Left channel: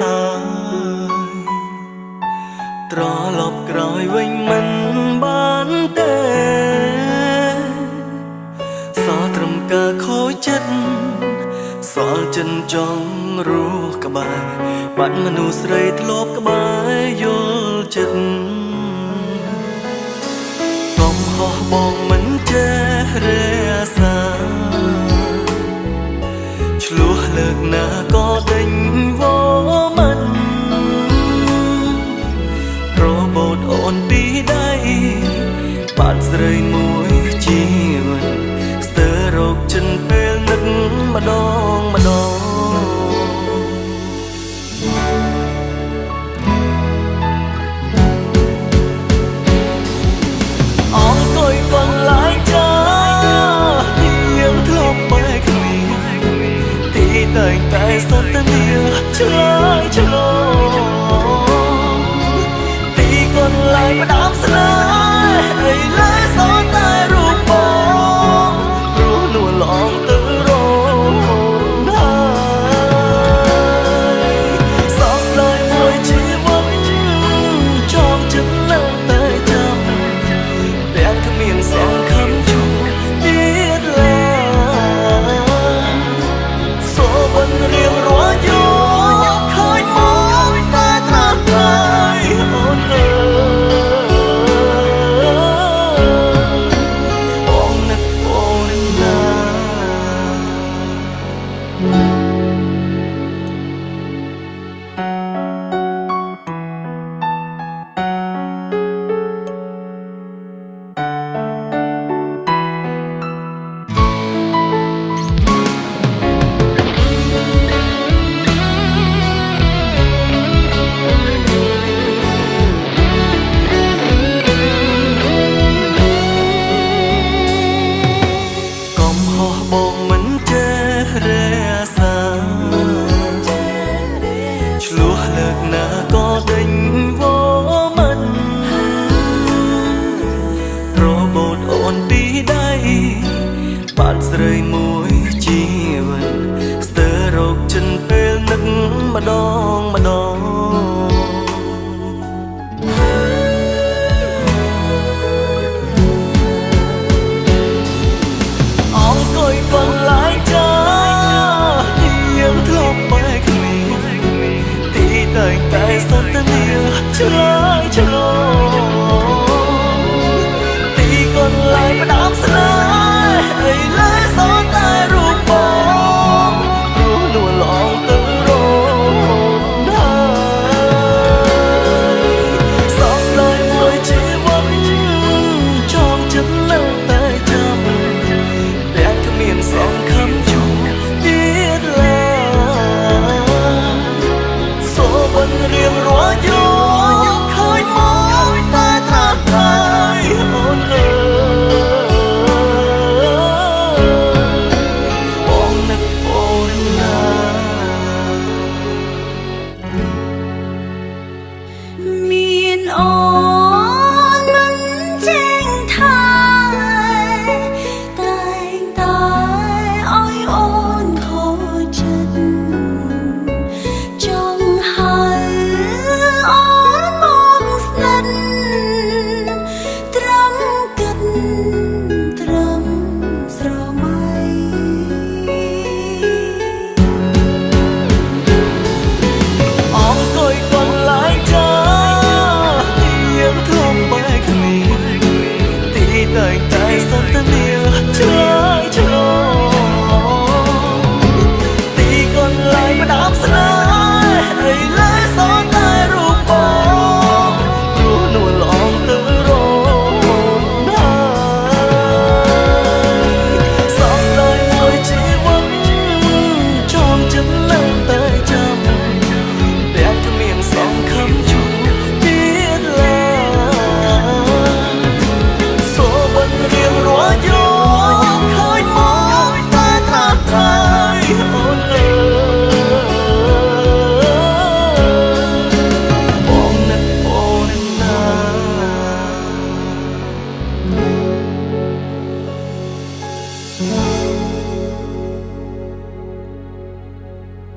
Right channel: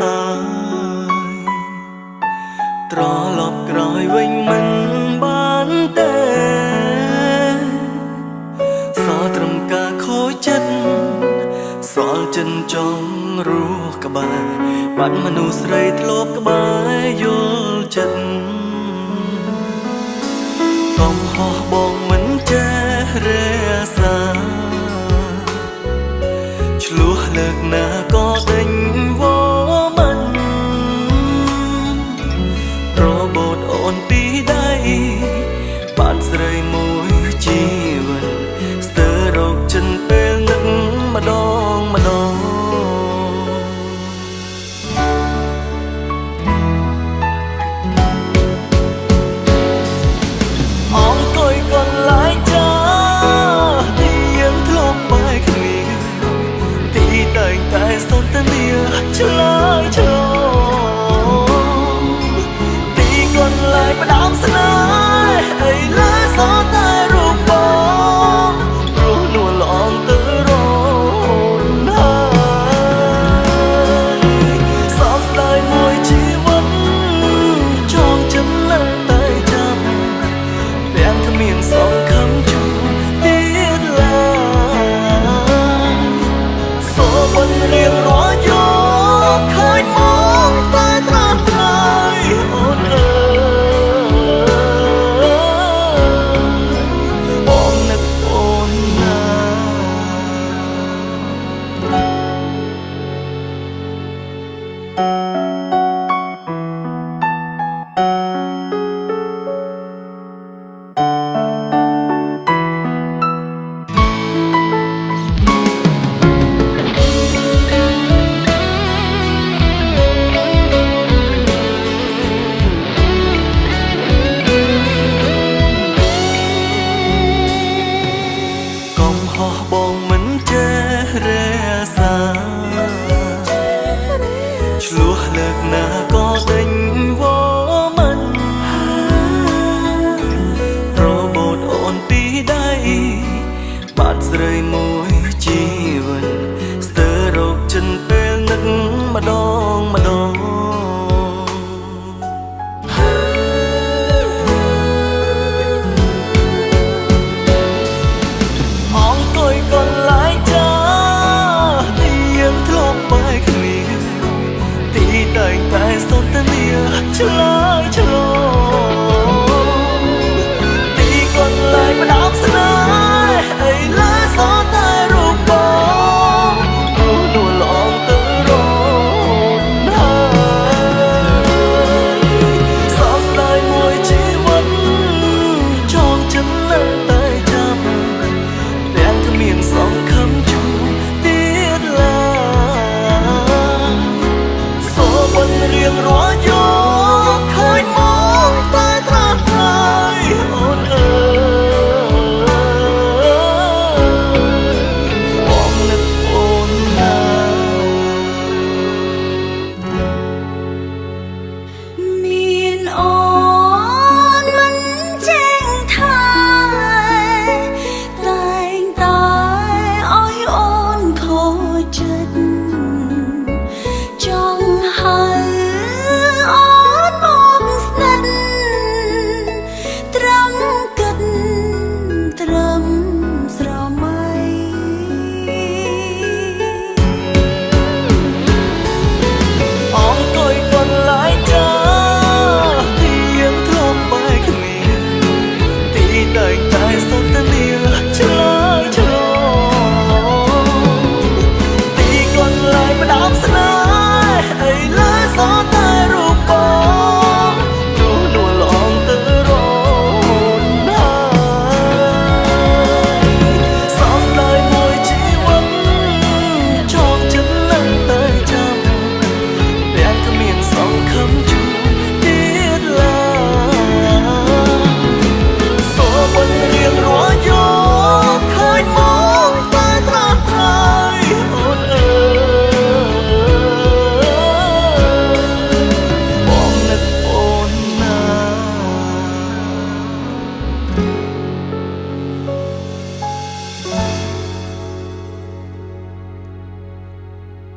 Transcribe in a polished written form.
ហើយត្រឡប់ក្រោយវិញមិនបានទេសល់ត្រឹមការខូចចិត្តសល់ចិនចង់រស់ក្បែរបាត់មនុស្សស្រីធ្លាប់ក្បែរយល់ចិត្តកុំហោះបងមិនចេះរាសាឆ្លោះលើកណាក៏ដេញវមិនរបូតអូនពីដៃបានស្រីមួយជីវិតស្ទើររោគចិនពេលនឹកម្ដងម្ដងអង្គុយកន្លែងចាទីយើងធ្លាប់ក្បែរគ្នាទីតែងតែសន្ទនាឆ្លើយឆ្លងទីកន្លែងផ្ដាំស្នេហ៍ឥឡូវសល់តែរូបបងព្រោះនួនល្អងទៅរត់ហើយសោកស្ដាយមួយជីវិតចងចិត្តនៅតែចាំទាំងគ្មានសង្ឃឹមជួបទៀតឡើយសូបិនរៀងរាល់យកឃើញមកតែត្រាស់ត្រៃអូនអើយបងនឹកអូនណាបងមិនចេះរាសាឆ្លោះលើកណាក៏ដេញវមិនរបូតអូនពីដៃបានស្រីមួយជីវិតស្ទើររោគចិនពេលនឹកម្ដងម្ដងអង្គុយកន្លែងចាទីយើងធ្លាប់ក្បែរគ្នាទីតែងតែសន្ទនាឆ្លើយឆ្លងទីកន្លែងផ្ដាំស្នេហ៍ឥឡូវសល់តែរូបបងព្រោះនួនល្អងទៅរត់ហើយសោកស្ដាយមួយជីវិតចងចិត្តនៅតែចាំទាំងគ្មានសង្ឃឹមជួបទៀតឡើយសូបិនរៀងរាល់យកឃើញមកតែត្រាស់ត្រៃអូនអើយបងនឹកអូនណាមានអូ